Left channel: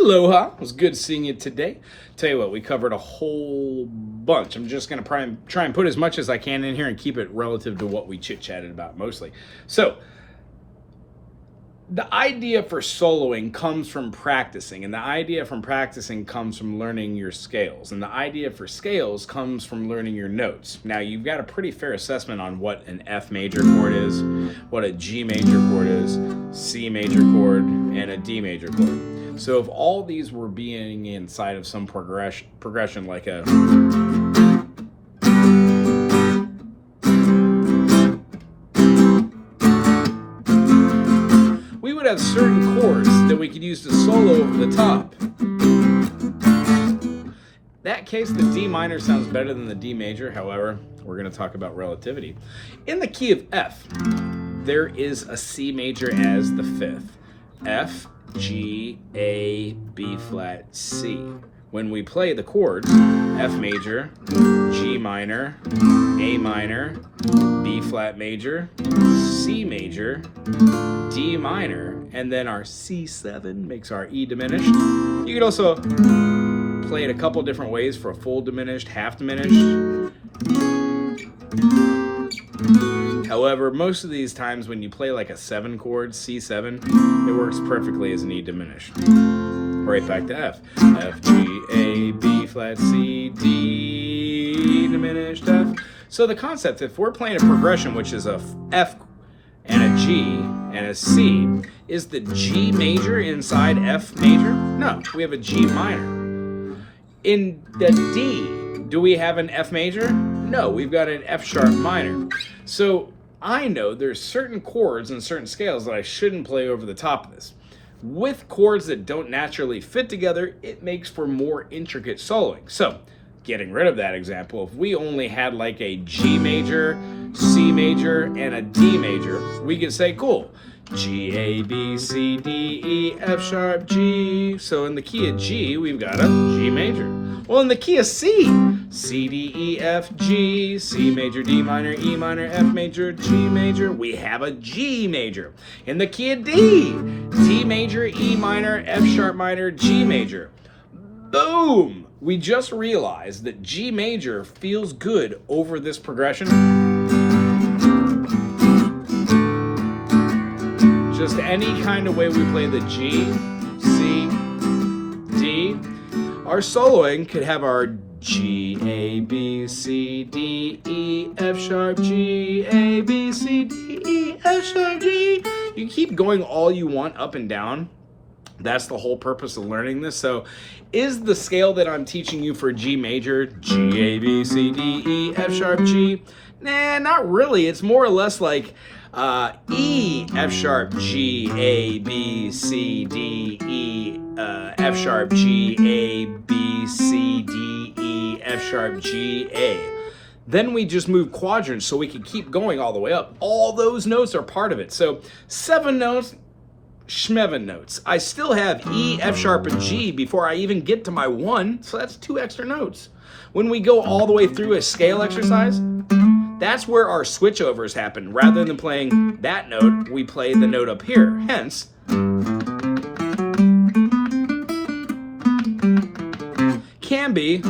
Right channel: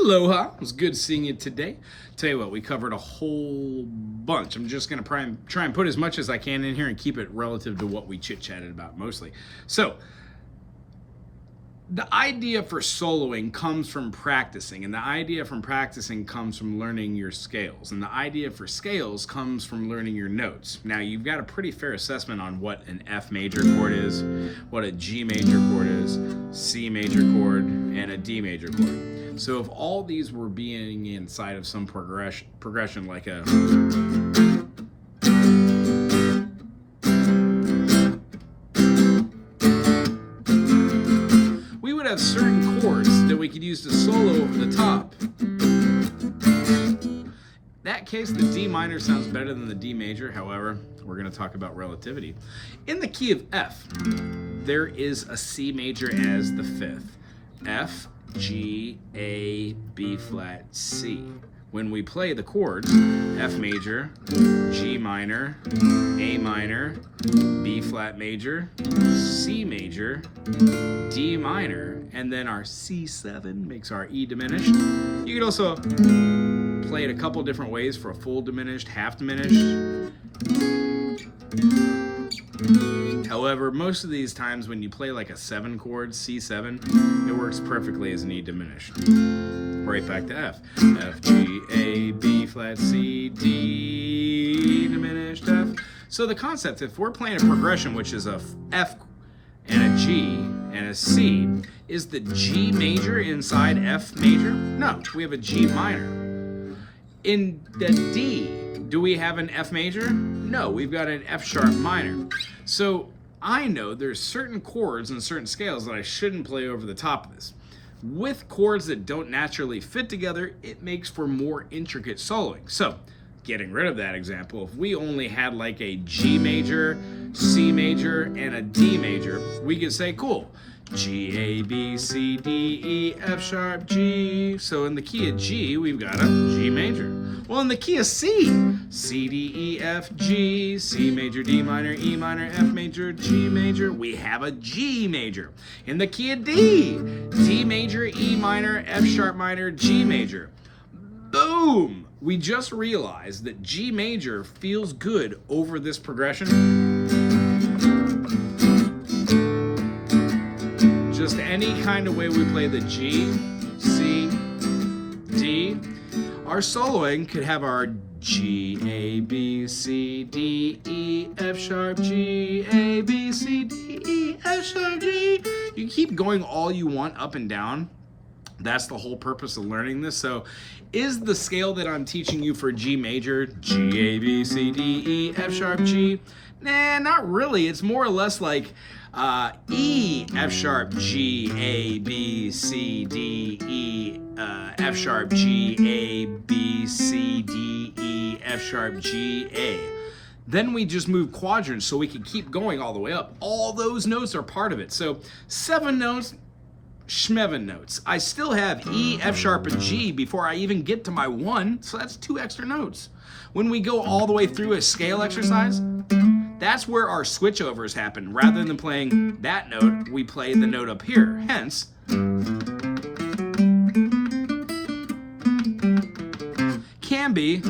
Aloha. It was good seeing you today. Tell you what, we covered a whole bunch. I'm just going to try and put as much as I can in here and keep it relative to what we chit-chatted about mostly. So, the idea for soloing comes from practicing, and the idea from practicing comes from learning your scales, and the idea for scales comes from learning your notes. Now, you've got a pretty fair assessment on what an F major chord is, what a G major chord is, C major chord, and a D major chord. So if all these were being inside of some progression like a... we would have certain chords that we could use to solo over the top. In that case, the D minor sounds better than the D major. However, we're going to talk about relativity. In the key of F, there is a C major as the fifth. F, G, A, B flat, C. When we play the chords, F major, G minor, A minor, B flat major, C major, D minor, and then our C7 makes our E diminished. You could also play it a couple different ways for a full diminished, half diminished. However, most of these times when you play like a 7 chord, C7, it works perfectly as an E diminished. Right back to F. F, G, A, B flat, C, D diminished, F. So the concept, if we're playing a progression, which is a F and a G and a C, is the G major inside F major? No, we have a G minor. In the D, do we have an F major? No, we've got an F sharp minor. So I know there's certain chords and certain scales that I shouldn't play over the top of this. With chords that don't naturally fit together, it makes for more intricate soloing. So, getting rid of that example, if we only had like a G major, C major, and a D major, we could say, cool, G, A, B, C, D, E, F sharp, G. So in the key of G, we've got a G major. Well, in the key of C, C, D, E, F, G, C major, D minor, E minor, F major, G major, we have a G major. In the key of D, D major, E minor, F sharp minor, G major. Boom! We just realized that G major feels good over this progression. Just any kind of way we play the G, C, D, our soloing could have our G, A, B, C, D, E, F sharp, G, A, B, C, D, E, F sharp, G. You can keep going all you want up and down. That's the whole purpose of learning this. So is the scale that I'm teaching you for G major, G, A, B, C, D, E, F sharp, G? Nah, not really. It's more or less like E, F sharp, G, A, B, C, D, E, F sharp, G, A, B, C, D, E, F sharp, G, A. Then we just move quadrants so we can keep going all the way up. All those notes are part of it. So 7 notes, schmevin notes. I still have E, F sharp, and G before I even get to my 1, so that's 2 extra notes. When we go all the way through a scale exercise, that's where our switchovers happen. Rather than playing that note, we play the note up here. Hence, can be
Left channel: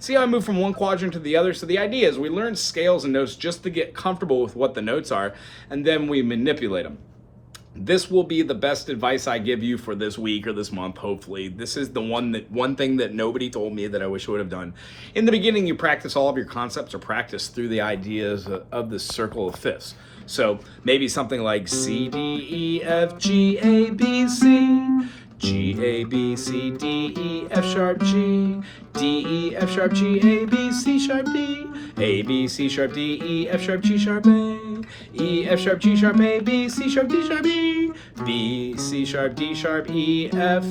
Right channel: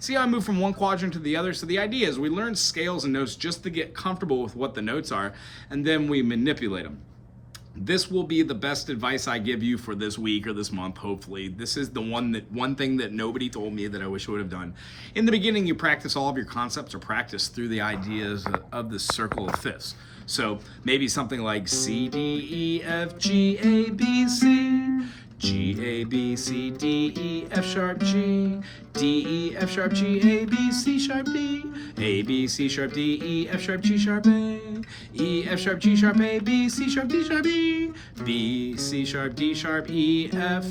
see how I move from one quadrant to the other? So the idea is we learn scales and notes just to get comfortable with what the notes are, and then we manipulate them. This will be the best advice I give you for this week or this month, hopefully. This is the one thing that nobody told me that I wish I would have done. In the beginning, you practice all of your concepts or practice through the ideas of the circle of fifths. So maybe something like C, D, E, F, G, A, B, C, G, A, B, C, D, E, F sharp, G, D, E, F sharp, G, A, B, C sharp, D, A, B, C sharp, D, E, F sharp, G sharp, A, E, F sharp, G sharp, A, B, C sharp, D sharp, E, B, C sharp, D sharp, E, F,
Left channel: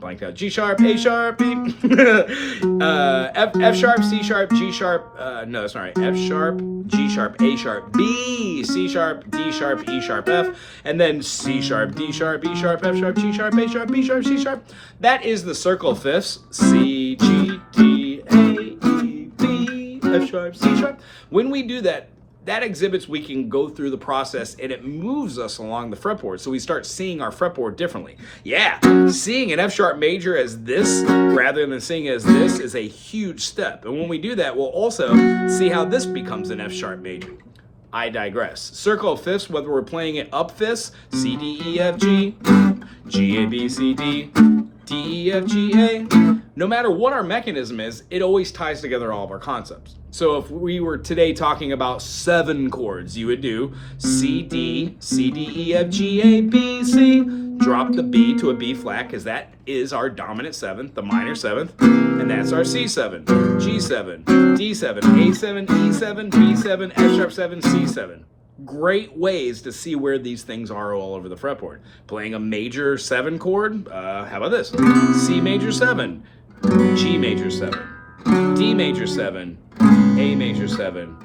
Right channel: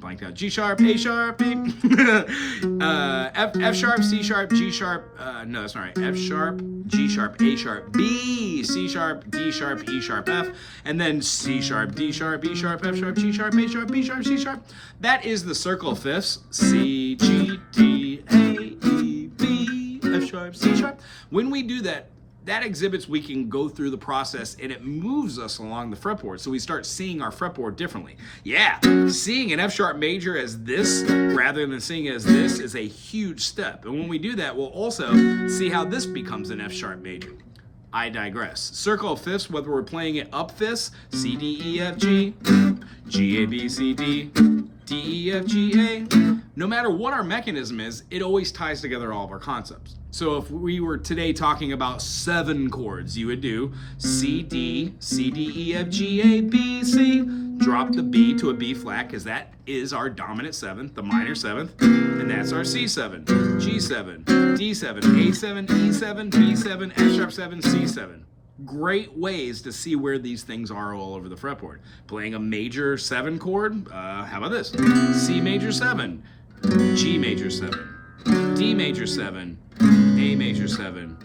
blanked out, G sharp, A sharp, E, F sharp, C sharp, G sharp, no, that's not right, F sharp, G sharp, A sharp, B, C sharp, D sharp, E sharp, F, and then C sharp, D sharp, E sharp, F sharp, G sharp, A sharp, B sharp, C sharp. That is the circle of fifths, C, G, D, A, E, B, F sharp, C sharp. When we do that, that exhibits we can go through the process and it moves us along the fretboard. So we start seeing our fretboard differently. Yeah, seeing an F sharp major as this rather than seeing it as this is a huge step. And when we do that, we'll also see how this becomes an F sharp major. I digress. Circle of fifths, whether we're playing it up fifths, C, D, E, F, G, G, A, B, C, D, D, E, F, G, A. No matter what our mechanism is, it always ties together all of our concepts. So if we were today talking about 7 chords, you would do C, D, C, D, E, F, G, A, B, C. Drop the B to a B flat because that is our dominant 7th, the minor 7th, and that's our C7, G7, D7, A7, E7, B7, F sharp 7, C7. Great ways to see where these things are all over the fretboard. Playing a major 7 chord, how about this? C major 7, G major 7, D major 7, A major 7,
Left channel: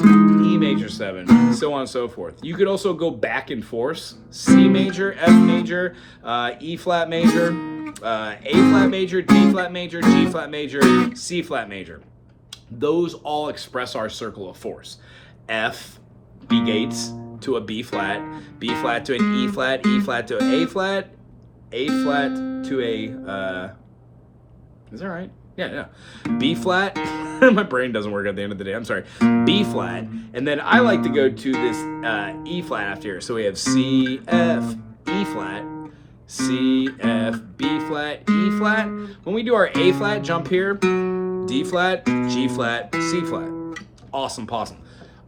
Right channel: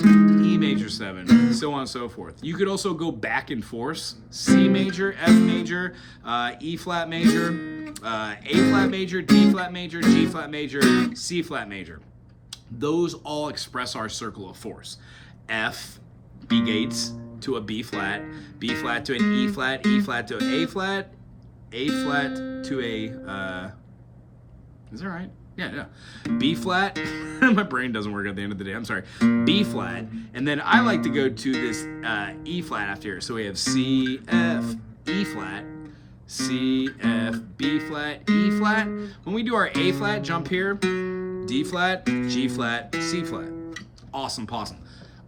E major 7, so on and so forth. You could also go back and forth. C major, F major, E flat major, A flat major, D flat major, G flat major, C flat major. Those all express our circle of force. F, B gates to a B flat to an E flat to an A flat to a, is that right? Yeah. B flat, my brain doesn't work at the end of the day, I'm sorry. B flat, and then I like to go to this E flat after here. So we have C, F, E flat, C, F, B flat, E flat. When we do our A flat jump here, D flat, G flat, C flat. Awesome possum.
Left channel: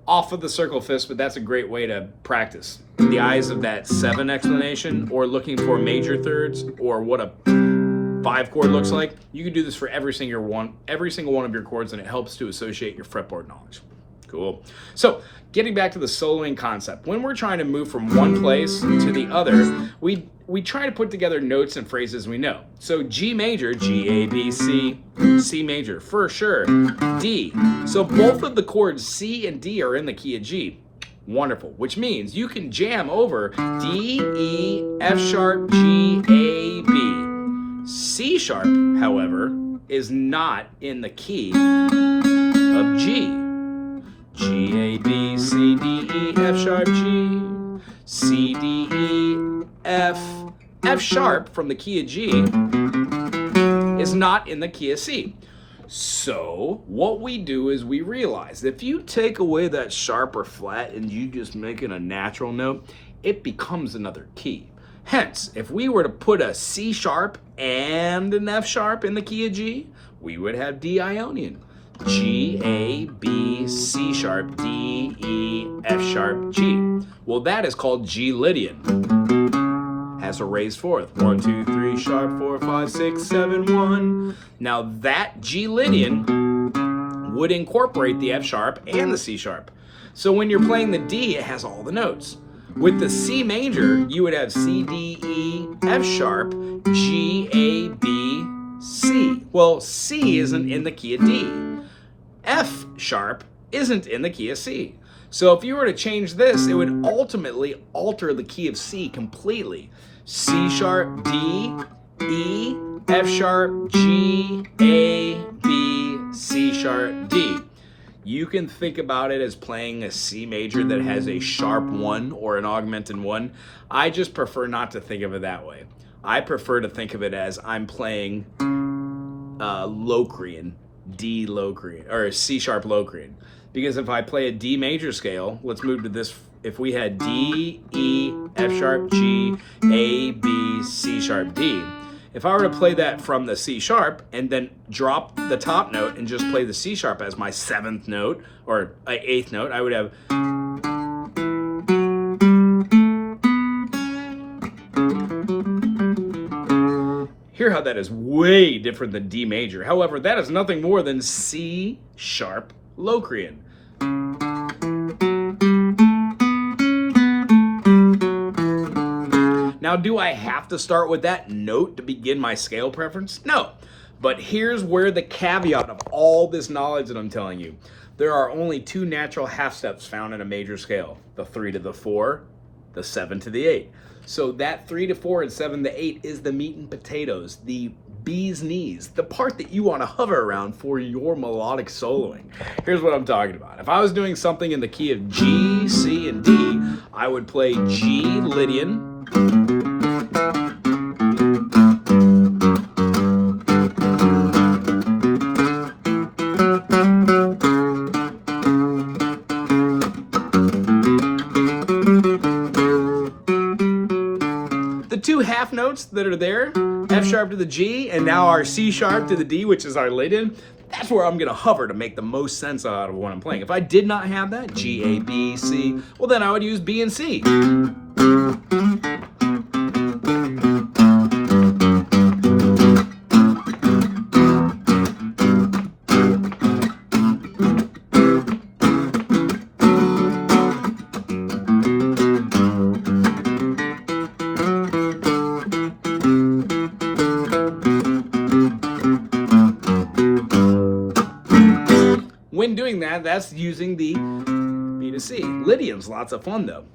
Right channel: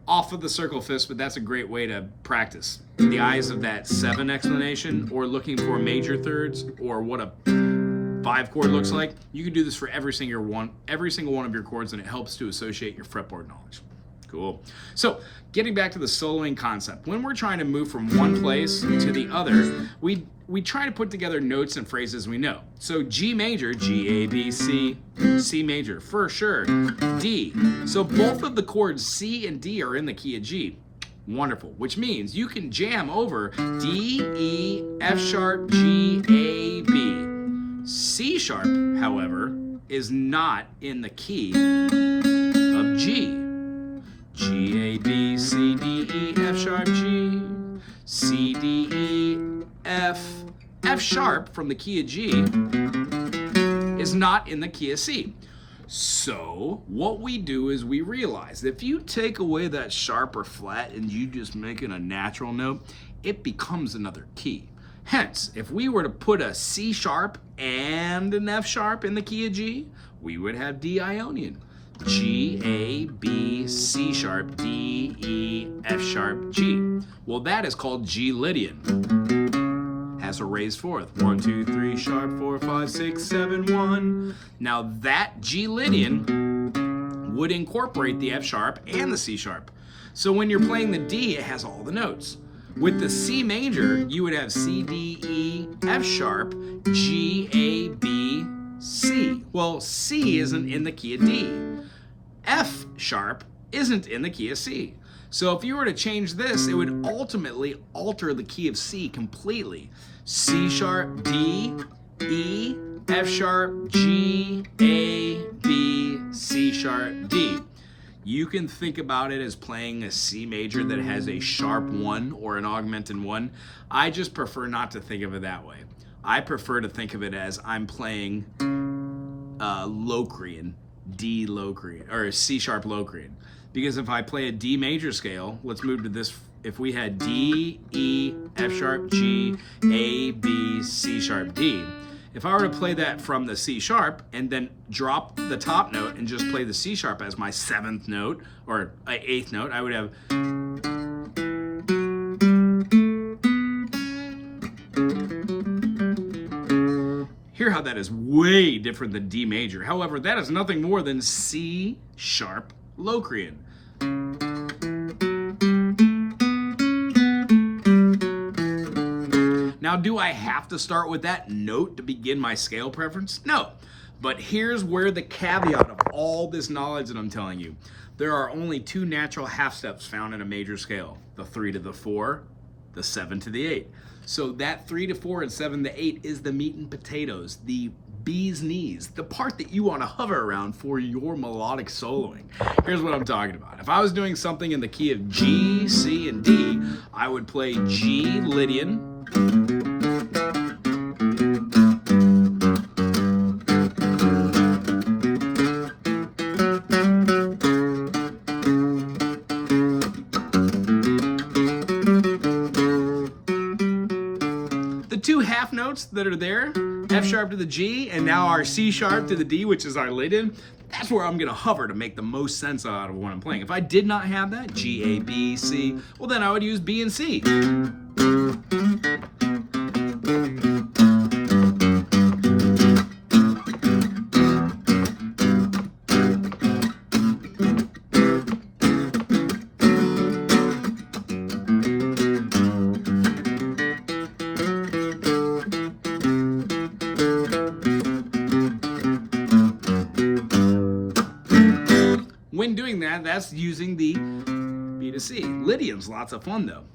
Off of the circle fifths, but that's a great way to practice. In the eyes of that 7 explanation, or looking for major thirds, or what a 5 chord looks like, you can do this for every single one of your chords, and it helps to associate your fretboard knowledge. Cool. So getting back to the soloing concept, when we're trying to move from one place to the other, we try to put together notes and phrases we know. So G major, G, A, B, C, C major, for sure. D. So both of the chords C and D are in the key of G. Wonderful, which means you can jam over D, E, F sharp, G, A, B. C sharp, however, is not in the key of G. G, A, B, C, D, E, F sharp, G, C, D, E, F. F sharp from the key of G is not in the key of C. So what we do is we realize if you take away that sharp or flat and you just make it a natural note, it becomes another key. Hence, if we were to put a C sharp and an F sharp in the key of G, we would have D Ionian. G, A, B, C sharp, D, E, F sharp, G. Well, that is called G Lydian. Has a raised fourth. 1, 2, 3, sharp, 4, 5, 6, 7, 1. Now that G Lydian would incorporate the F sharp and the C sharp. So when you're playing the D, it has all the notes. With the C major, you would have C, D, E, F sharp, G, A, B, C. Well, C isn't in the key of D. F sharp isn't in the key of C. So if you were to change this, it would ultimately alter the key of C completely. C sharp, D, E, F sharp, G, A, B, C sharp, D. You can think about it as playing a C major that has a sharp 1 or an augmented 1. I just prefer not to think of it that way. I prefer to think of it as I'm playing Locrian, D Locrian, or C sharp Locrian. Because if I play a D major scale, let's move to this. If we had D, E, F sharp, G, A, B, C sharp, D. If I were to play that from the C sharp and then drop the top note and just play the C sharp as my 7th note or 8th note, I would have. Hear how that is way different than D major. However, that is nothing more than C sharp Locrian. Now, do I have to start with that note to begin my scale preference? No. But here's where the caveat of all this knowledge that I'm telling you. There are only 2 natural half steps found in a major scale. The 3 to the 4, the 7 to the 8. So that 3 to 4 and 7 to 8 is the meat and potatoes, the bee's knees, the part that you want to hover around for your melodic soloing. Here's what I'm talking about. If I was doing something in the key of G, C, and D, I would play G, Lydian, the two half notes that are there, F sharp to the G, and now our C sharp to the D, which is our Lydian, that's where I'm gonna hover to make the most sense out of what I'm playing. If I did not have that, G, A, B, C, well then I would use B and C. When doing that, that's using the B to C. Lydian's lots of fun though.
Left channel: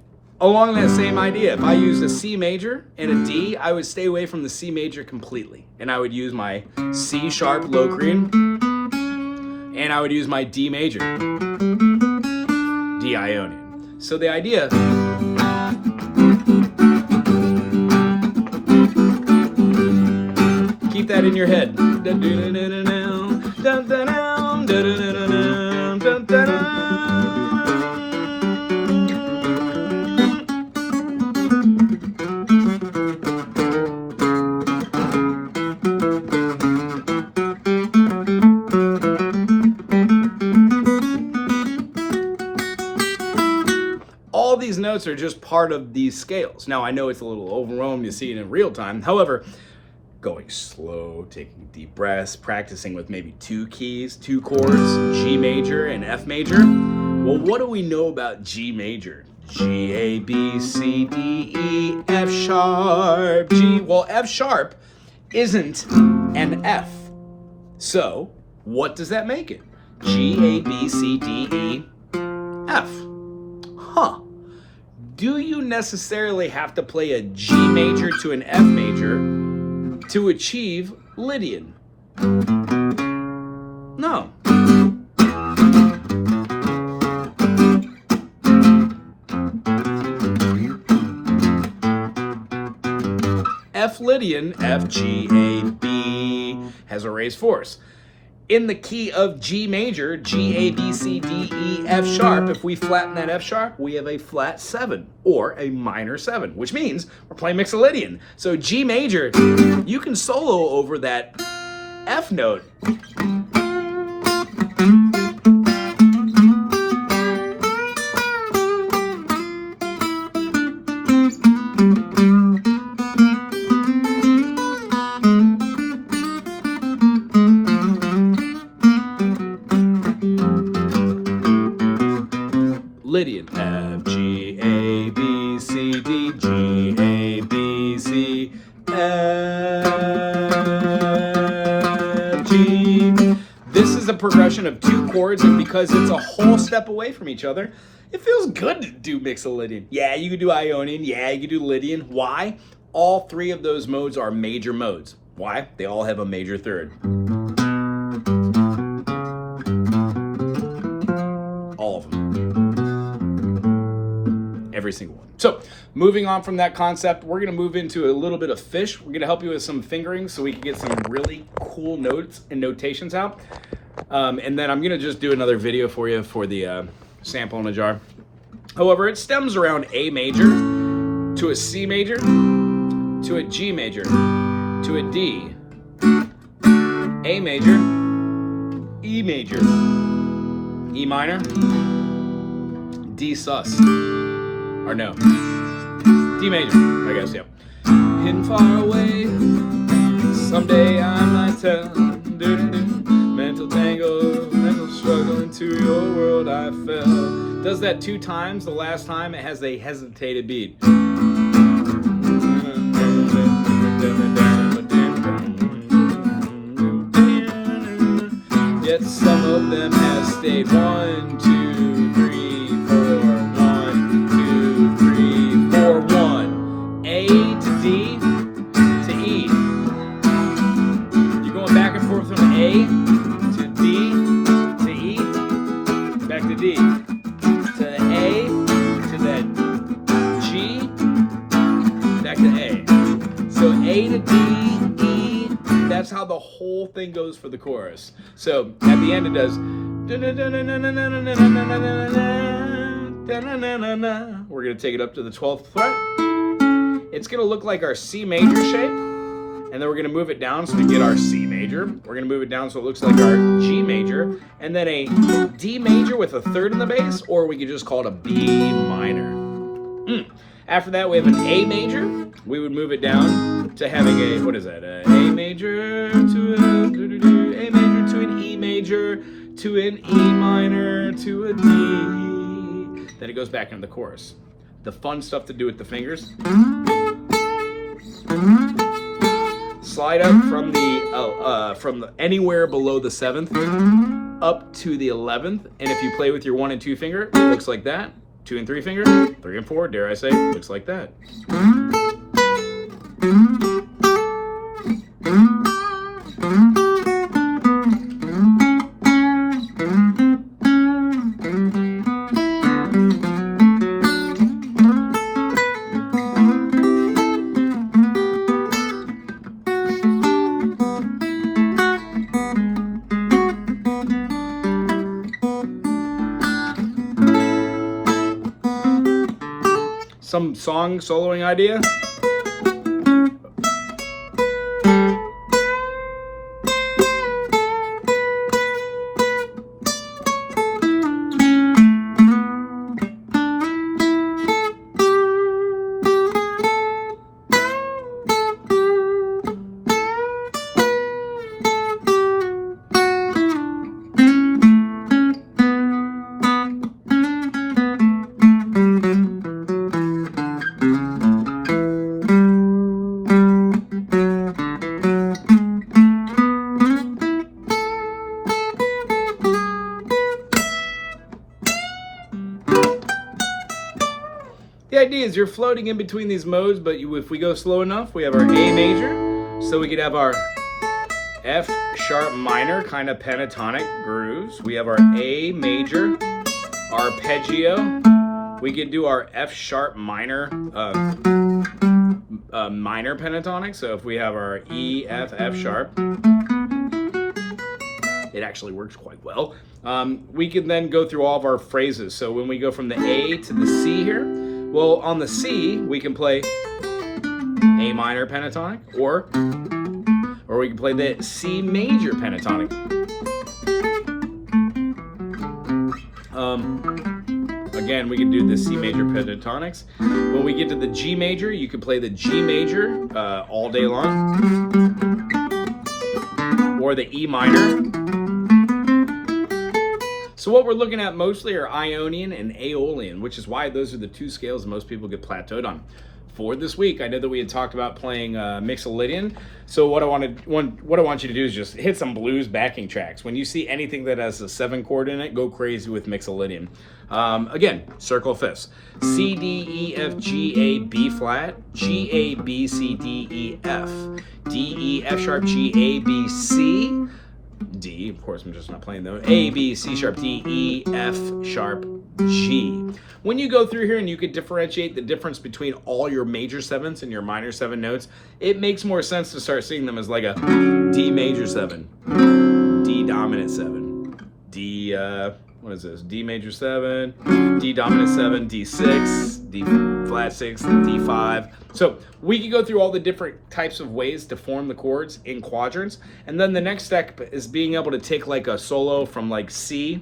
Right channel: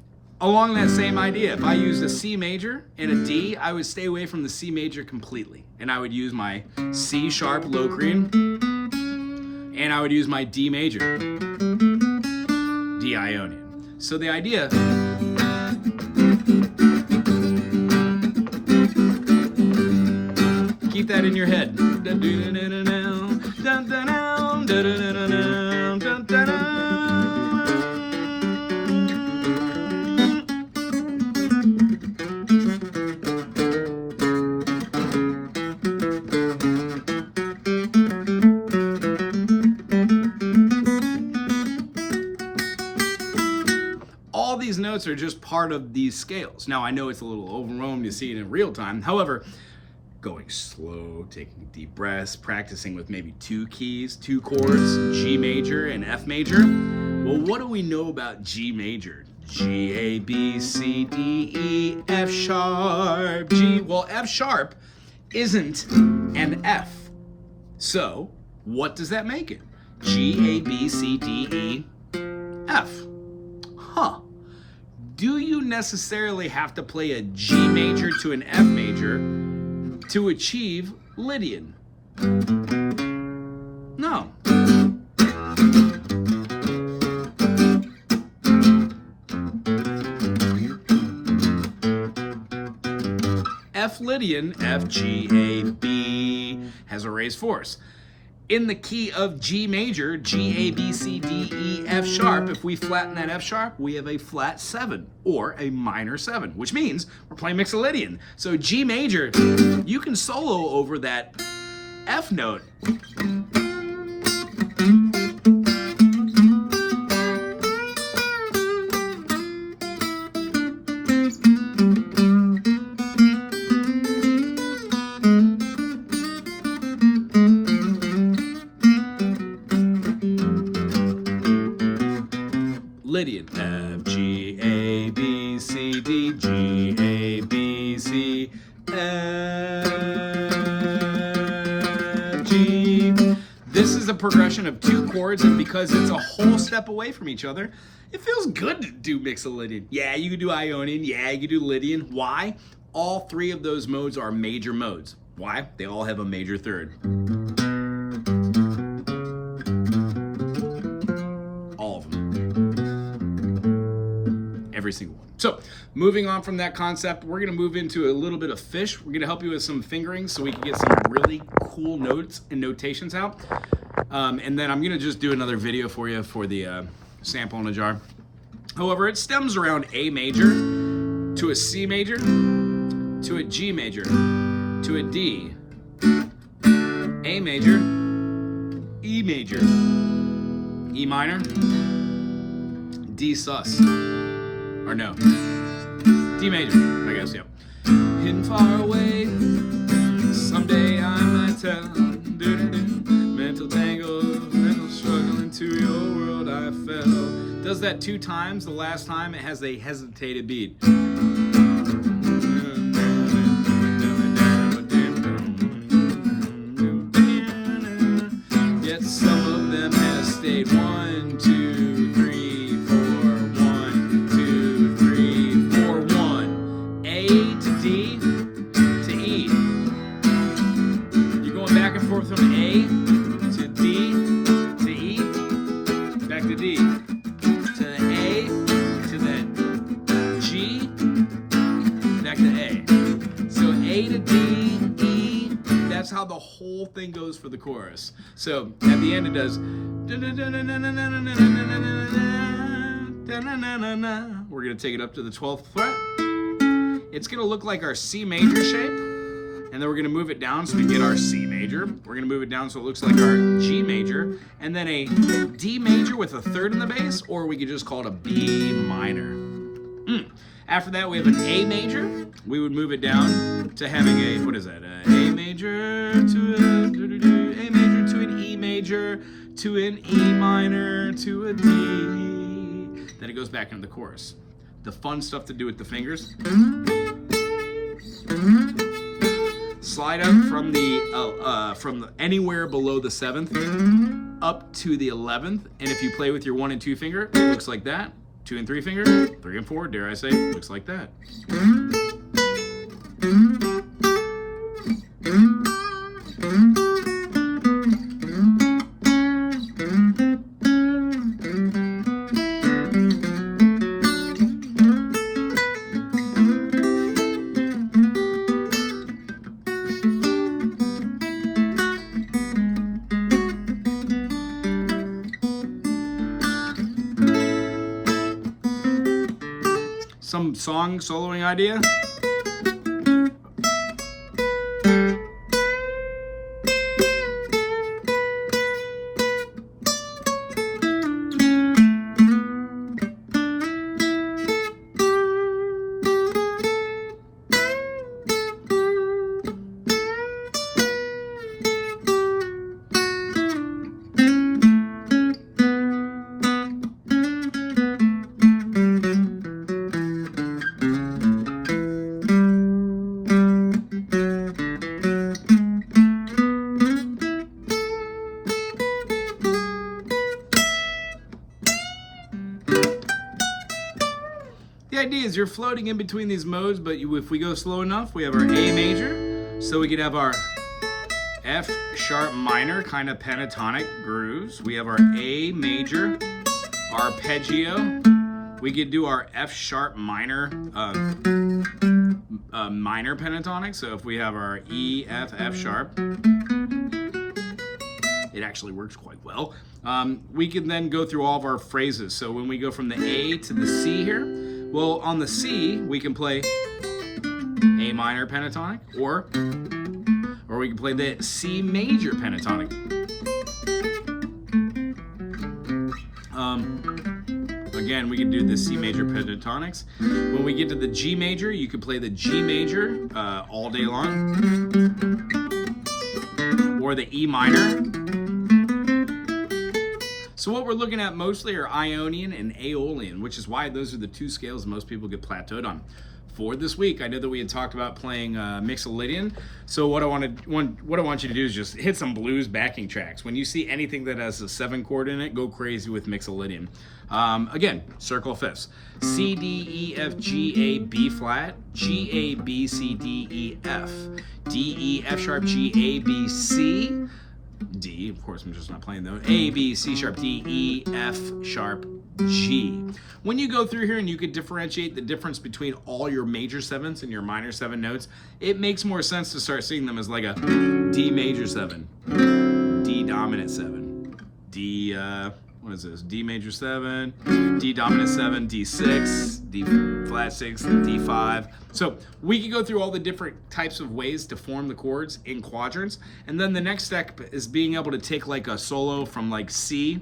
Along that same idea, if I used a C major and a D, I would stay away from the C major completely. And I would use my C sharp Locrian, and I would use my D major, D Ionian. So the idea, keep that in your head. All these notes are just part of these scales. Now I know it's a little overwhelming to see it in real time. However, going slow, taking deep breaths, practicing with maybe two keys, two chords, G major and F major. Well, what do we know about G major? G, A, B, C, D, E, F sharp, G. Well, F sharp isn't an F. So, what does that make it? G, A, B, C, D, E, F. Huh. Do you necessarily have to play a G major to an F major to achieve Lydian? No. F Lydian, F, G, A, B, has a raised fourth. In the key of G major, G, A, B, C, D, E, F sharp, if we flatten that F sharp, we have a flat 7 or a minor 7, which means we're playing Mixolydian. So G major, you can solo over that F note. Lydian, F, G, A, B, C, D, G, A, B, C, F, G. This is a progression of two chords, and because it's a whole step away from each other, it feels good to do Mixolydian. Yeah, you could do Ionian. Yeah, you could do Lydian. Why? All three of those modes are major modes. Why? They all have a major third. All of them. Every single one. So moving on from that concept, we're going to move into a little bit of fish. We're going to help you with some fingerings so we can get some really cool notes and notations out. And then I'm going to just do another video for you for the sample in a jar. However, it stems around A major to a C major to a G major to a D, A major, E major, E minor, D sus. Or no, D major, I guess, yeah. Hidden far away, someday I might tell. Mental tangle, mental struggle, into your world I fell. Does that 2 times. The last time it has a hesitated beat. Yet some of them have stayed. 1, 2, 3, 4. 1, 2, 3, 4, 1. A to D to E. whole thing goes for the chorus. So at the end it does. We're going to take it up to the 12th fret. It's going to look like our C major shape. And then we're going to move it down so we get our C major. We're going to move it down so it looks like our G major. And then a D major with a third in the bass, or we could just call it a B minor. After that, we have an A major. We would move it down to having a, what is that? A major to a major to an E major to an E minor to a D. Then it goes back into the chorus. The fun stuff to do with the fingers. Slide up from the anywhere below the 7th up to the 11th, and if you play with your 1 and 2 finger, it looks like that. 2 and 3 finger, 3 and 4, dare I say, looks like that. Some song soloing idea? The idea is you're floating in between these modes, but if we go slow enough, we have our A major, so we could have our F sharp minor kind of pentatonic grooves. We have our A major arpeggio. We could do our F sharp minor minor pentatonic. So if we have our E, F, F sharp, it actually works quite well. We can then go through all of our phrases. So when we go from the A to the C here, well, on the C, we can play A minor pentatonic, or we can play the C major pentatonic. Again, we can do the C major pentatonics. When we get to the G major, you can play the G major all day long, or the E minor. So what we're looking at mostly are Ionian and Aeolian, which is why those are the two scales most people get plateaued on. For this week, I know that we had talked about playing Mixolydian. So what I want you to do is just hit some blues backing tracks. When you see anything that has a 7 chord in it, go crazy with Mixolydian. Again, circle fifths: C, D, E, F, G, A, B flat, G, A, B, C, D, E, F, D, E, F sharp, G, A, B, C. D, of course, I'm just not playing though. A, B, C sharp, D, E, F sharp, G. When you go through here and you could differentiate the difference between all your major 7ths and your minor 7 notes, it makes more sense to start seeing them as like a D major 7, D dominant 7, D, what is this? D major 7, D dominant 7, D6, D flat 6, D5. So we can go through all the different types of ways to form the chords in quadrants. And then the next step is being able to take like a solo from like C.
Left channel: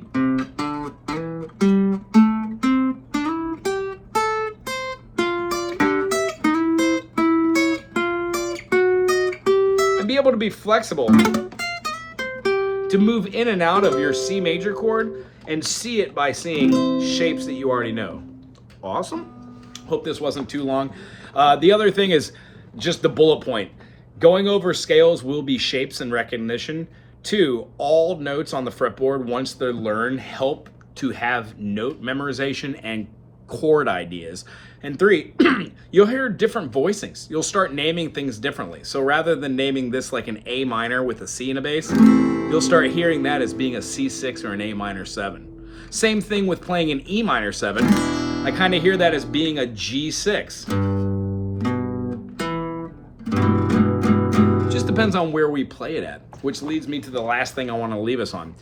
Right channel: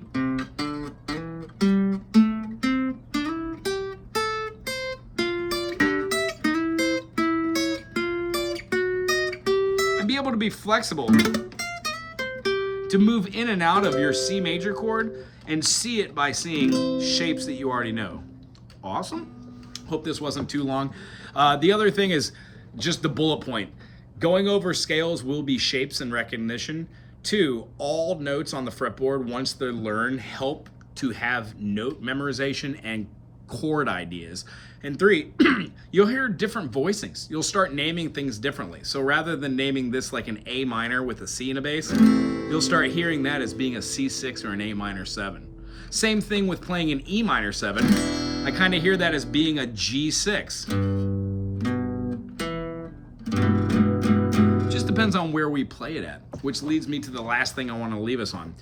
And be able to be flexible to move in and out of your C major chord and see it by seeing shapes that you already know. Awesome. Hope this wasn't too long. The other thing is just the bullet point. Going over scales will be shapes and recognition. 2, all notes on the fretboard, once they're learned, help to have note memorization and chord ideas. And 3, you'll hear different voicings. You'll start naming things differently. So rather than naming this like an A minor with a C in a bass, you'll start hearing that as being a C6 or an A minor 7. Same thing with playing an E minor 7. I kind of hear that as being a G6. Just depends on where we play it at. which leads me to the last thing I want to leave us on.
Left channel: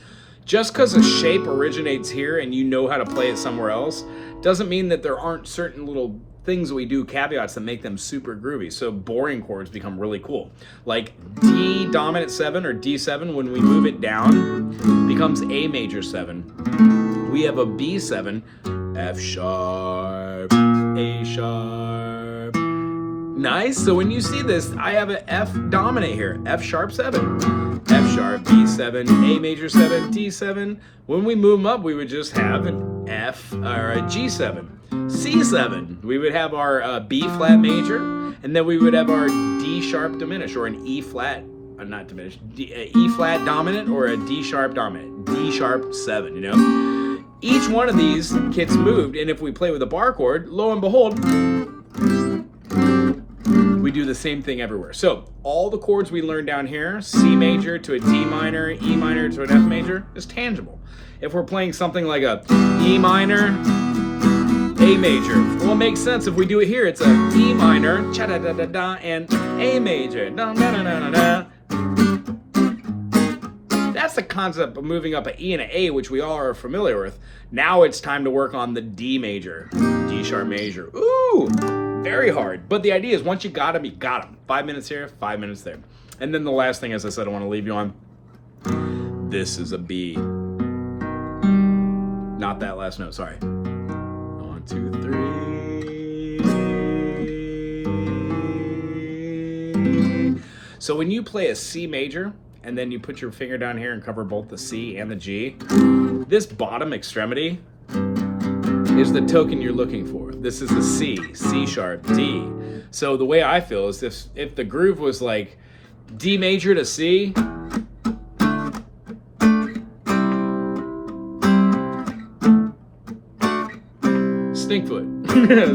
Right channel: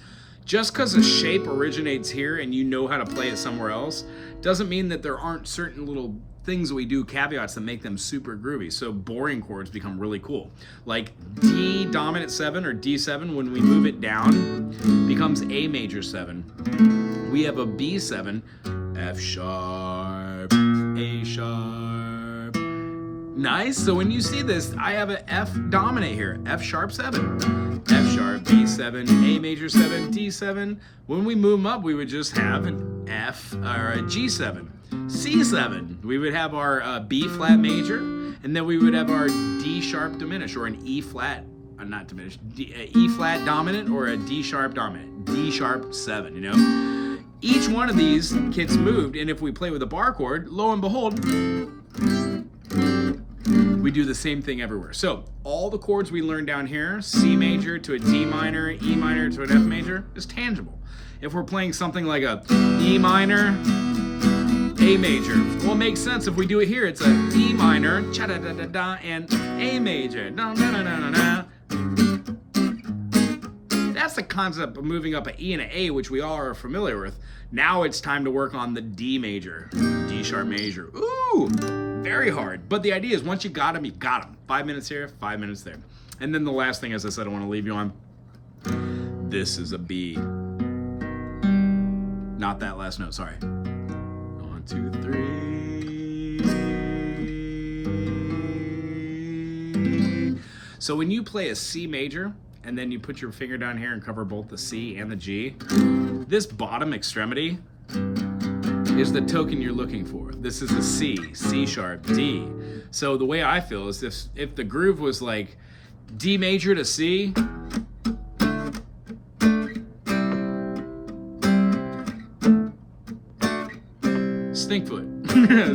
Just because a shape originates here and you know how to play it somewhere else doesn't mean that there aren't certain little things we do, caveats, that make them super groovy. So boring chords become really cool. Like D dominant 7 or D7, when we move it down, becomes A major 7. We have a B7, F sharp, A sharp. Nice. So when you see this, I have an F dominant here, F sharp 7. F sharp, B7, A major 7, D7. When we move them up, we would just have an F or a G7. C7, we would have our B flat major, and then we would have our D sharp diminished, or an E flat, not diminished, E flat dominant, or a D sharp dominant, D sharp 7, you know? Each one of these gets moved, and if we play with a bar chord, lo and behold, we do the same thing everywhere. So all the chords we learn down here, C major to a D minor, E minor to an F major, is tangible. If we're playing something like a E minor, A major, well, it makes sense if we do it here. It's a E minor, cha-da-da-da-da, and A major, da-da-da-da-da. That's the concept of moving up an E and an A, which we all are familiar with. Now it's time to work on the D major, D sharp major. Ooh, very hard. But the idea is once you got them, you got them. 5 minutes here, 5 minutes there. And then the last thing, as I said, I want to leave you on. This is a B. Not that last note, sorry. 1, 2, 3. So when you play a C major, and then you put your finger down here and cover both the C and the G, this bottom extremity is the token you're looking for. This is the C, C sharp, D. So the way I feel is if the groove was like D major to C, Stinkfoot,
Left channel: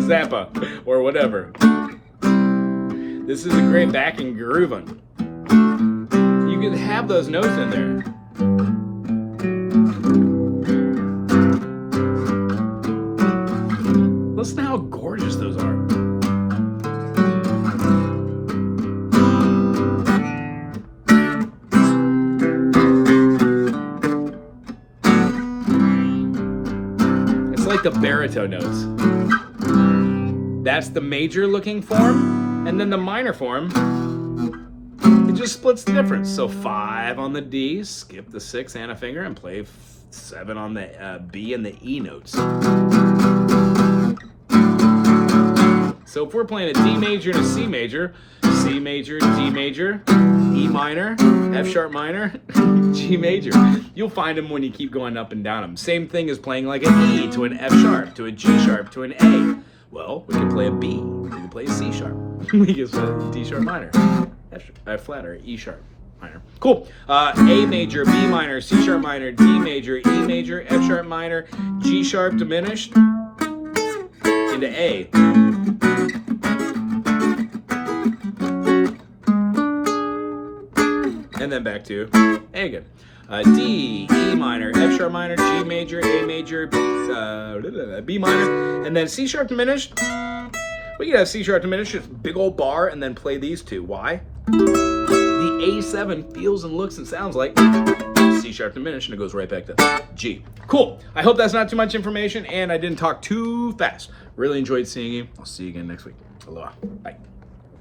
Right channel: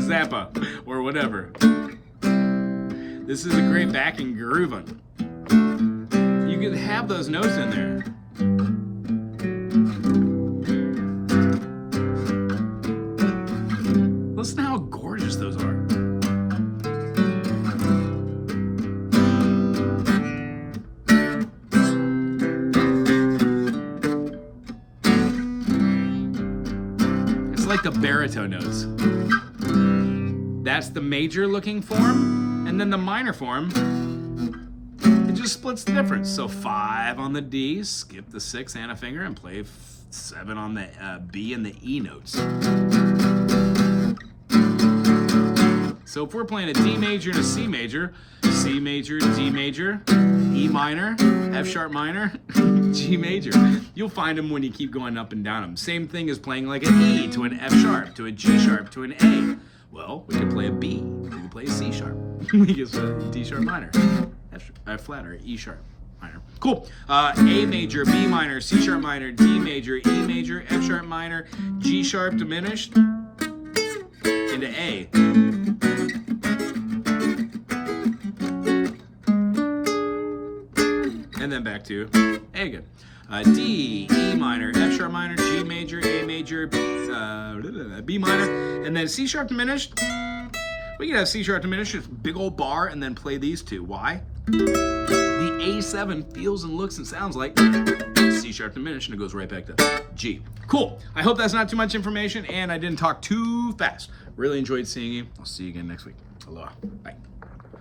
Zappa, or whatever. This is a great backing groove on. You could have those notes in there. Listen to how gorgeous those are. It's like the baritone notes. That's the major looking form, and then the minor form, it just splits the difference. So 5 on the D, skip the 6 and a finger, and play 7 on the B and the E notes. So if we're playing a D major and a C major, C major, D major, E minor, F sharp minor, G major. You'll find them when you keep going up and down them. Same thing as playing like an E to an F sharp, to a G sharp, to an A. Well, we can play a B, we can play a C sharp, we can play a D sharp minor, F flat, or E sharp minor. Cool. A major, B minor, C sharp minor, D major, E major, F sharp minor, G sharp diminished into A. And then back to A again. D, E minor, F sharp minor, G major, A major, B minor, and then C sharp diminished. We can have C sharp diminished, just big old bar, and then play these two. Why? The A7 feels and looks and sounds like C sharp diminished, and it goes right back to G. Cool. I hope that's not too much information, and I didn't talk too fast. Really enjoyed seeing you. I'll see you again next week. Aloha. Bye.